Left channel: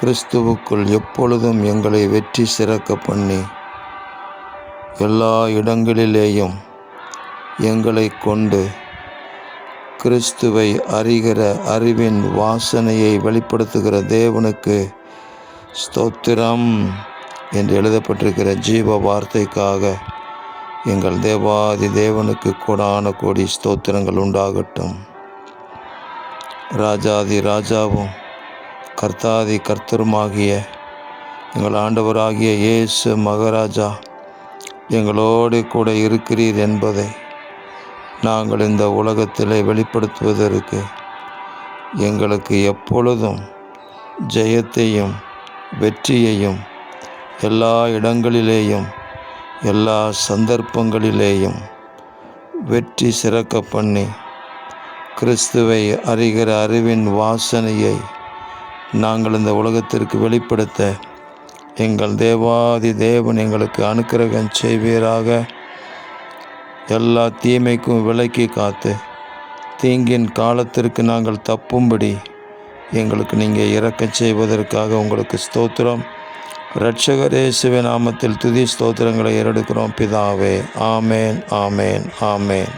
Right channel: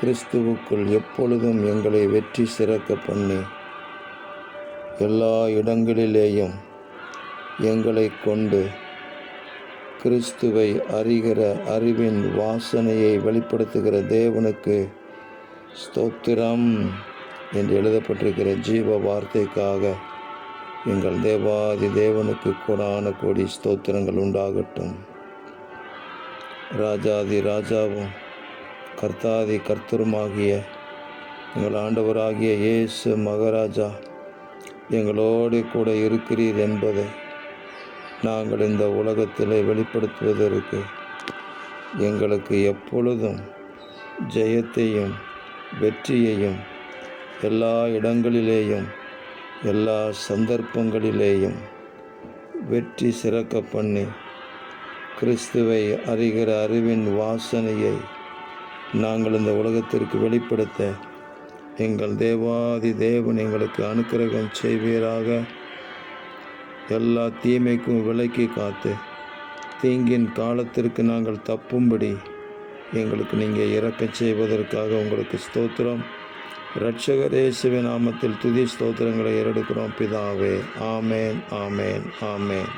கிறிஸ்துவுக்குள் எப்பொழுதும் எங்களை வெற்றி சிறக்க பண்ணி எல்லா இடங்களிலேயும் எங்களை கொண்டு கிறிஸ்துவை அறிகிற அறிவின் வாசனையை வெளிப்படுத்துகிற தேவனுக்கு ஸ்தோத்திரம் என்று எழுதப்பட்டிருக்கிற ஜீவ வார்த்தைக்காக எங்கள் தேவாதி தேவனுக்கு கோடான கோடி ஸ்தோத்திரங்கள் உண்டாகட்டும். ராஜாதி ராஜாவும் கர்த்தாதி கர்த்தருமாகிய எங்கள் ஆண்டவராகிய இயேசு மகாராஜா எங்களோடு கூட இருக்கிறீர் என்பதை நாங்கள் இந்த உலகத்திலே வெளிப்படுத்துவதற்கு எங்களுக்கு எப்பொழுதும் ஜெயத்தையும் வெற்றியையும் எல்லா இடங்களிலேயும் எல்லா சந்தர்ப்பங்களிலேயும் வெற்றி சிறக்க பண்ணி கிறிஸ்துவை அறிகிற அறிவின் வாசனையை நாங்கள் இந்த உலகத்திற்கு வெளிப்படுத்த எங்கள் தேவாதி தேவன் எங்களுக்கு அனுக்கிரகம் செய்வீராக. எல்லா தீமைக்கும் விலக்கி காத்து தீங்கின் காலத்திற்கு நாங்கள் தப்பும்படி எங்களுக்கு நீங்கள் இரக்கம் செய்வதற்காக உங்களுக்கு ஸ்தோத்திரம். இரட்சகர் இயேசுவின் நாமத்தில் துதி ஸ்தோத்திரங்களை ஏறெடுக்கிறோம் பிதாவே. ஆமேன், ஆமேன், ஆமேன்.